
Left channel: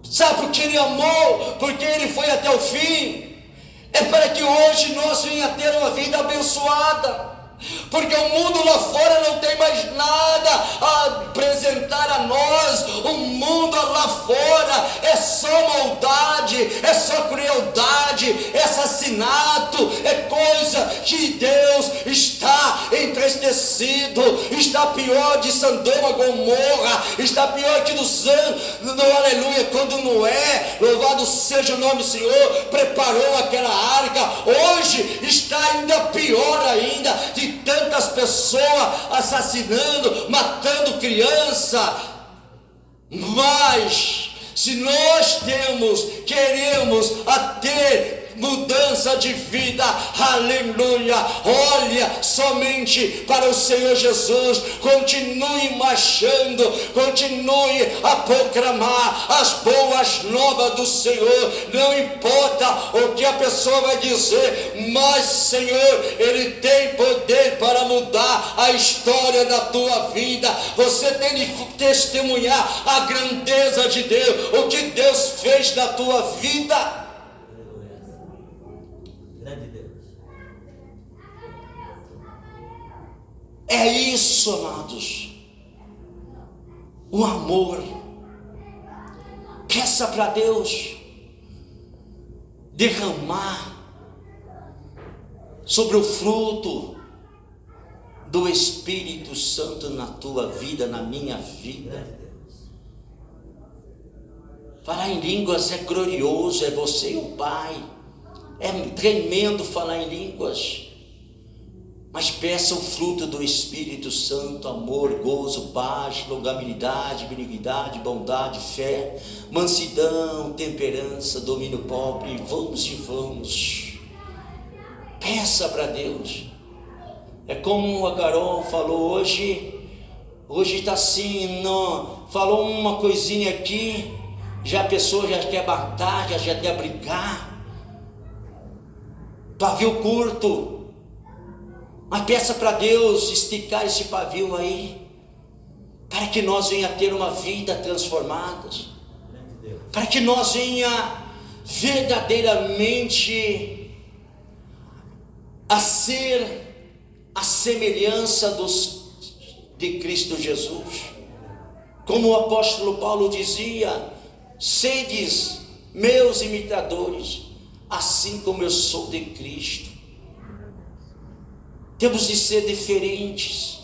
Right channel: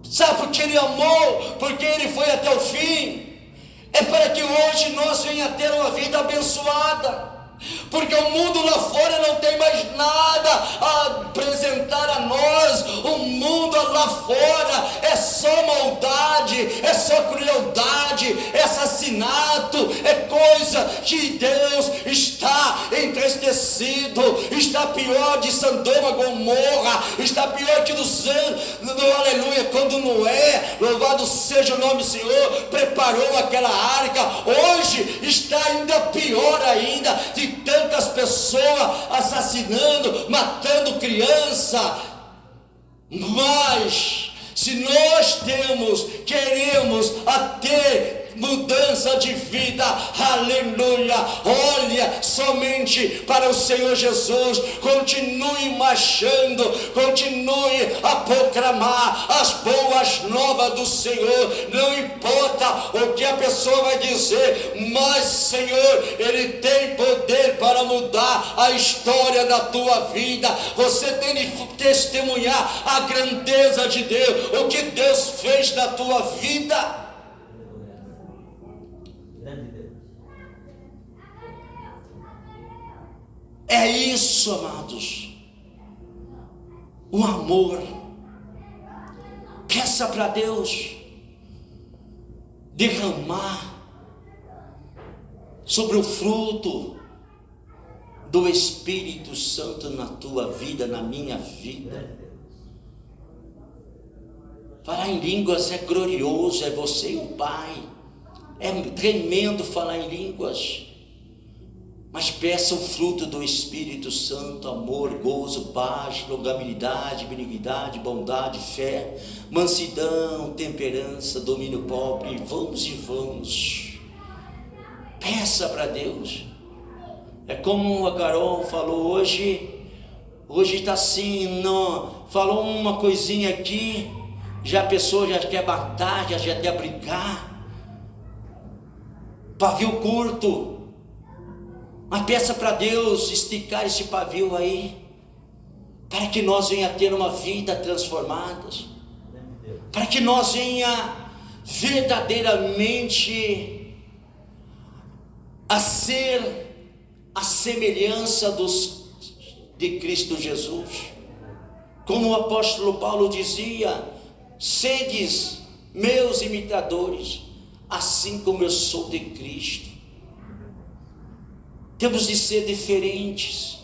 Sabe por que Ele amou? Porque Ele foi até o fim. É para que hoje nós venha ter uma vida abençoada. Porque o mundo lá fora não tem mais nada a apresentar a nós. O mundo lá fora é só maldade, é só crueldade, é assassinato, é coisa que Deus está entristecido. Está pior de Sodoma, Gomorra, está pior que dos anos, aleluia, quando Noé, louvado seja o nome do Senhor, preparou aquela arca. Hoje está ainda pior ainda, de tantas pessoas assassinando, matando criança. Mas se nós queremos ter mudança de vida, aleluia, olha somente para o Senhor Jesus. Continue marchando, continue a proclamar as boas novas do Senhor. Não importa o que a pessoa vai dizer, mas Senhor, Ele tem poder para mudar a história da tua vida. Você tem de testemunhar a grandeza de Deus, o que Deus fez na tua vida. É isso, amados. O amor. Peça para Deus derramar sobre o fruto do Espírito Santo na tua vida, na minha vida. Falar em línguas é glorioso, é você e o Pai. É tremendo falar em línguas. Mas peça o fruto do Espírito Santo: amor, gozo, paz, longanimidade, benignidade, bondade, fé, mansidão, temperança, domínio próprio. E vamos. Peça para Deus. É como a Carol falou hoje está assim, não, falou uma coisinha aqui, já a pessoa já quer batalha, já quer brigar. Pavio curto. Mas peça para Deus esticar esse pavio aí. para que nós venha ter uma vida transformada, para que nós venha verdadeiramente a ser a semelhança de Cristo Jesus. Como o apóstolo Paulo dizia: sedes meus imitadores, assim como eu sou de Cristo. Temos de ser diferentes,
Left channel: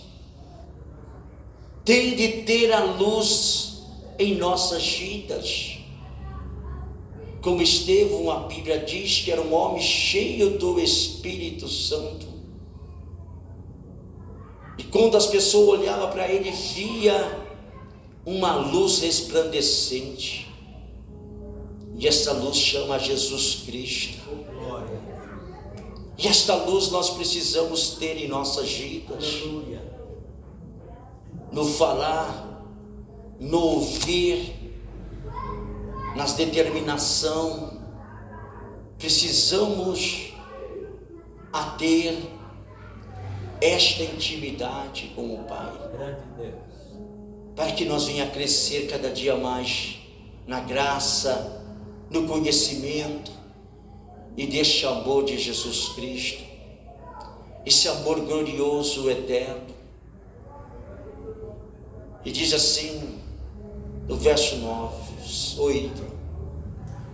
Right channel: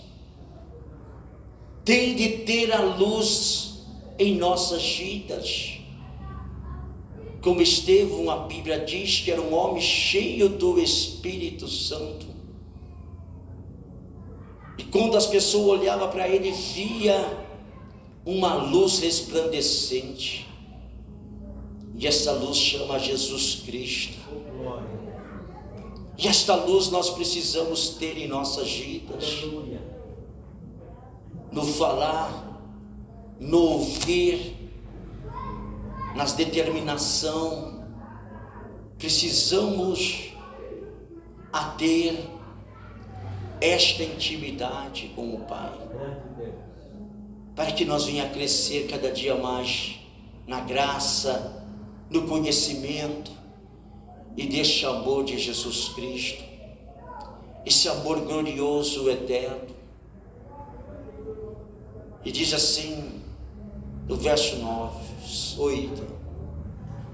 tem de ter a luz em nossas vidas. Como Estevão, a Bíblia diz que era um homem cheio do Espírito Santo. E quando as pessoas olhavam para ele, via uma luz resplandecente. E essa luz chama Jesus Cristo. E esta luz nós precisamos ter em nossas vidas. No falar, no ouvir, nas determinação, precisamos a ter esta intimidade com o Pai, para que nós venha crescer cada dia mais na graça, no conhecimento e deste amor de Jesus Cristo, esse amor glorioso, eterno. E diz assim no verso 8:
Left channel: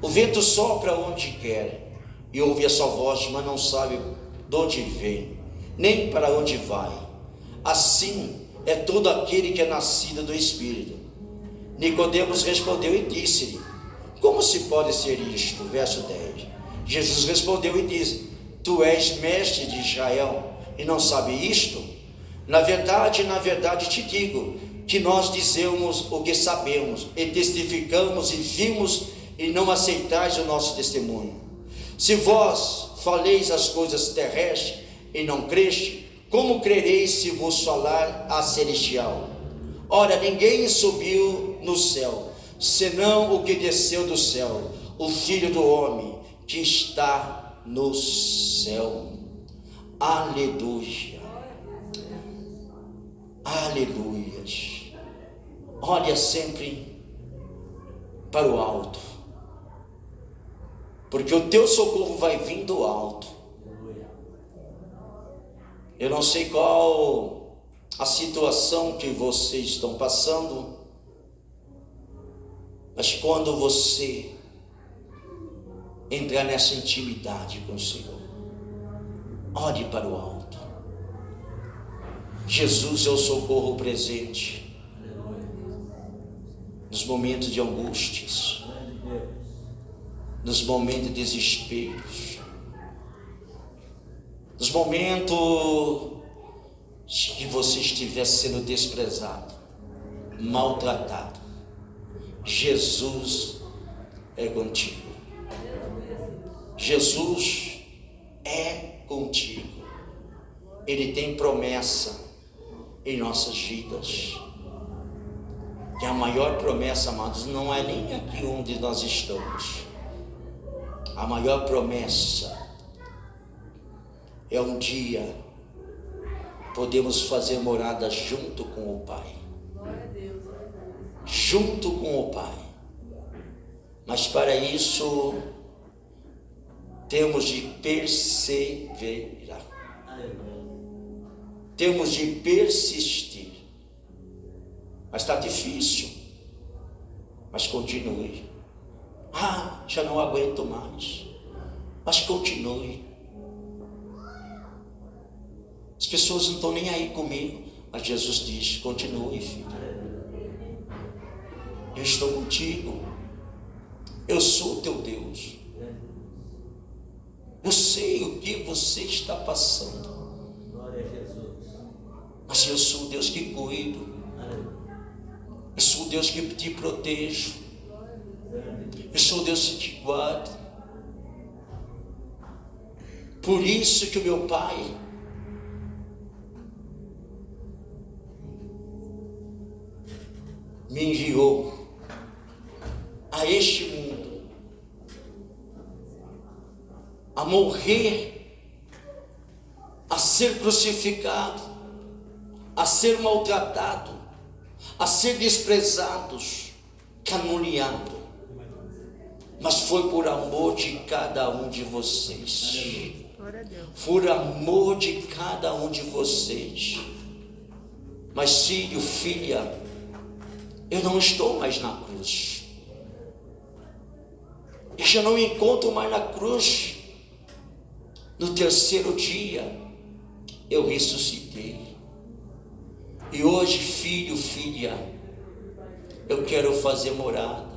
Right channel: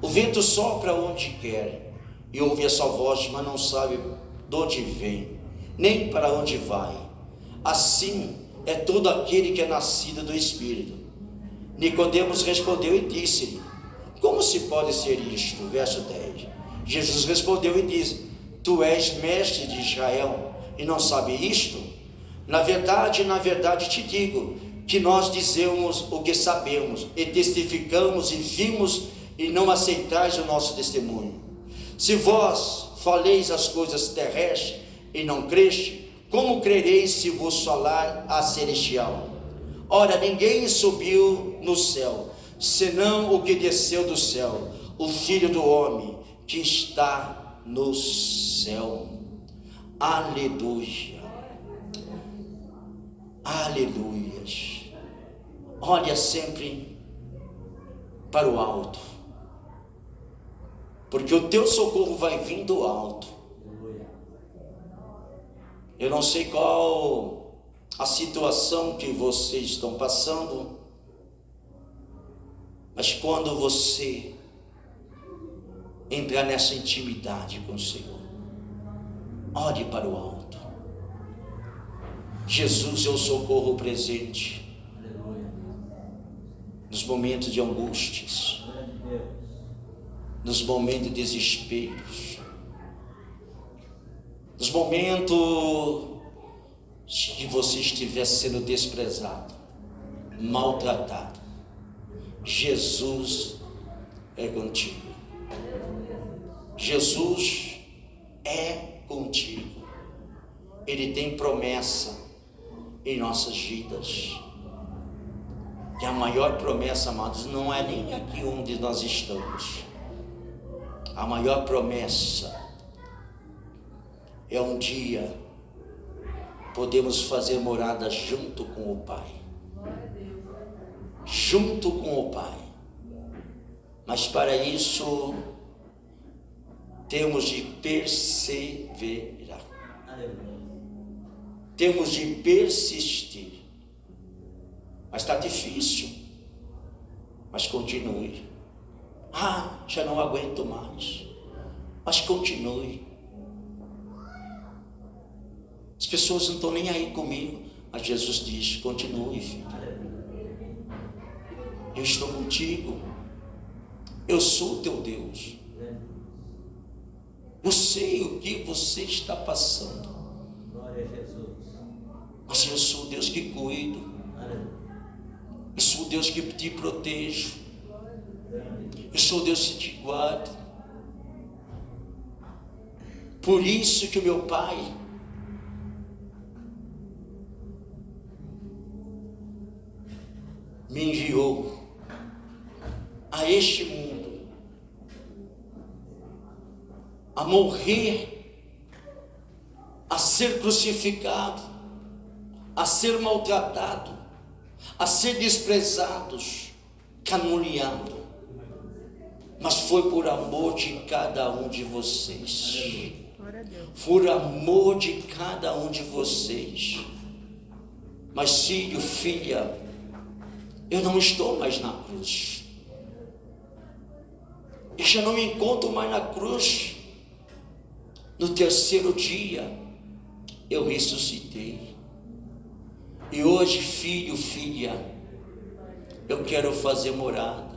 o vento sopra onde quer e ouve a sua voz, mas não sabe de onde vem, nem para onde vai. Assim é todo aquele que é nascido do Espírito. Nicodemos respondeu e disse-lhe: como se pode ser isto? Verso 10. Jesus respondeu e disse: tu és mestre de Israel e não sabe isto? Na verdade te digo que nós dizemos o que sabemos e testificamos e vimos, e não aceitais o nosso testemunho. Se vós faleis as coisas terrestres e não creste, como crereis se vos falar a celestial? Ora, ninguém subiu no céu, senão o que desceu do céu, o Filho do homem que está no céu. Aleluia, aleluias. Olha sempre para o alto, porque o teu socorro vai vir do alto. Eu não sei qual a situação que vocês estão passando, mas quando você entrar nessa intimidade com o Senhor, olhe para o alto. Jesus é o socorro presente nos momentos de angústias, nos momentos de desesperos, nos momentos que você estiver sendo desprezado, maltratado. Jesus é contigo. Jesus é contigo. Ele tem promessa em nossas vidas. E a maior promessa, amados, não é nem aqui onde nós estamos. A maior promessa é um dia podemos fazer morada junto com o Pai. Junto com o Pai. Mas para isso temos de perseverar. Temos de persistir. Mas está difícil. Mas continue. Já não aguento mais. Mas continue. As pessoas não estão nem aí comigo. Mas Jesus diz: continue, filho. Eu estou contigo. Eu sou teu Deus. Eu sei o que você está passando. Glória a Jesus. Mas eu sou o Deus que cuido. Eu sou o Deus que te protejo. Eu sou o Deus que te guarda. Por isso que o meu Pai me enviou a este mundo, a morrer, a ser crucificado, a ser maltratado, a ser desprezados, caluniados, mas foi por amor de cada um de vocês. Por amor de cada um de vocês. Mas filho, filha, eu não estou mais na cruz. Eu já não me encontro mais na cruz. No terceiro dia, eu ressuscitei. E hoje, filho, filha, eu quero fazer morada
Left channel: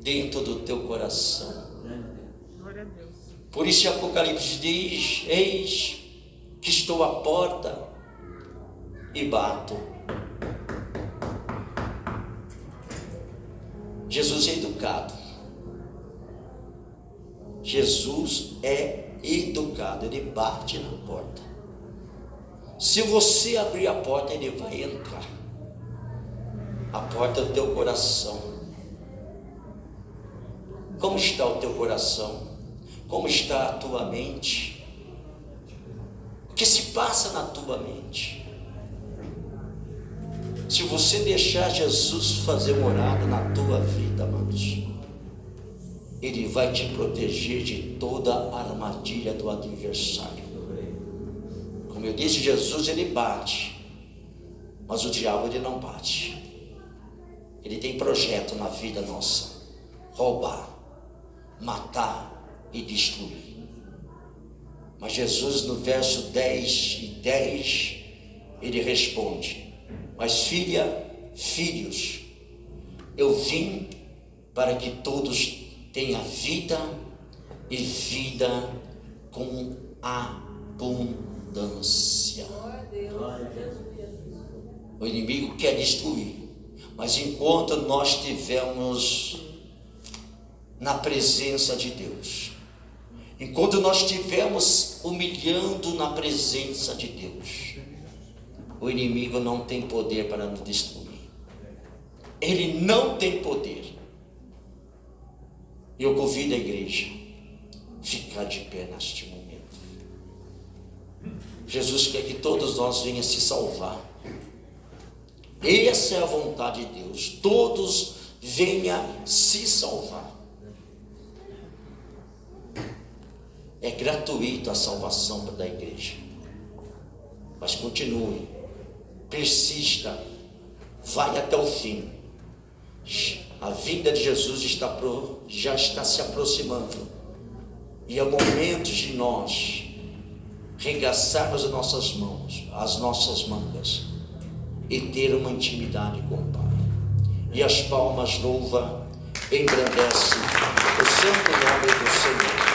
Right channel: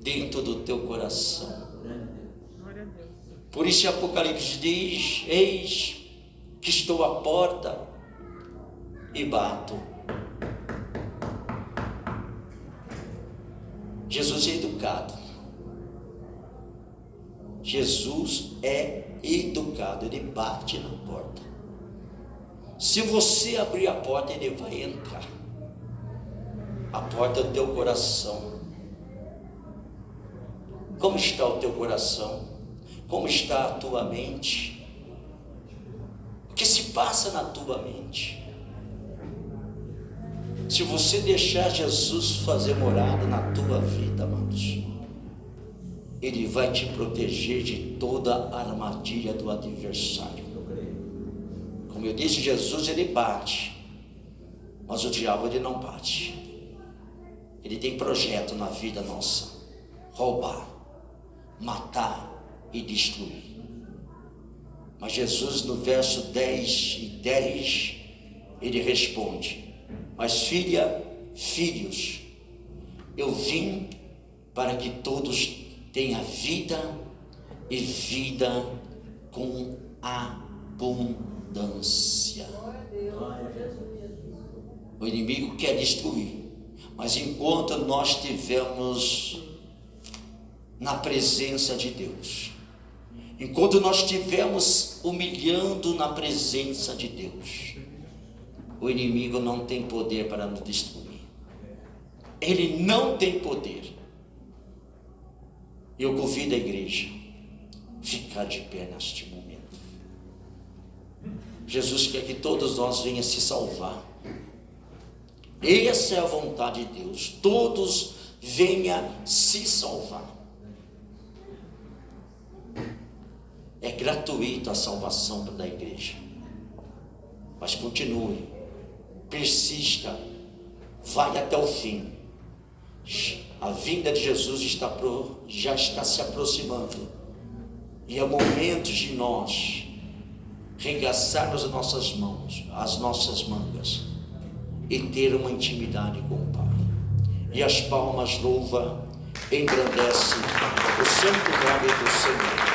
dentro do teu coração. Por isso Apocalipse diz: eis que estou à porta e bato. Jesus é educado. Jesus é educado, ele bate na porta. Se você abrir a porta, ele vai entrar. A porta do teu coração. Como está o teu coração? Como está a tua mente? O que se passa na tua mente? Se você deixar Jesus fazer morada na tua vida, amados, ele vai te proteger de toda a armadilha do adversário. Como eu disse, Jesus ele bate, mas o diabo ele não bate. Ele tem projeto na vida nossa: roubar, matar e destruir. Mas Jesus, no verso 10 e 10, ele responde: mas filha, filhos, eu vim para que todos tenham vida e vida com abundância. O inimigo quer destruir, mas enquanto nós estivermos na presença de Deus, enquanto nós estivermos humilhando na presença de Deus, o inimigo não tem poder para nos destruir. Ele não tem poder. Eu convido a igreja a ficar de pé neste momento. Jesus quer que todos nós venhamos se salvar. Essa é a vontade de Deus. Todos venham se salvar. É gratuito a salvação da igreja. Mas continue, persista, vai até o fim. A vinda de Jesus já está se aproximando. E é momento de nós regaçarmos as nossas mangas e ter uma intimidade com o Pai. E as palmas louvam, engrandece o santo nome do Senhor.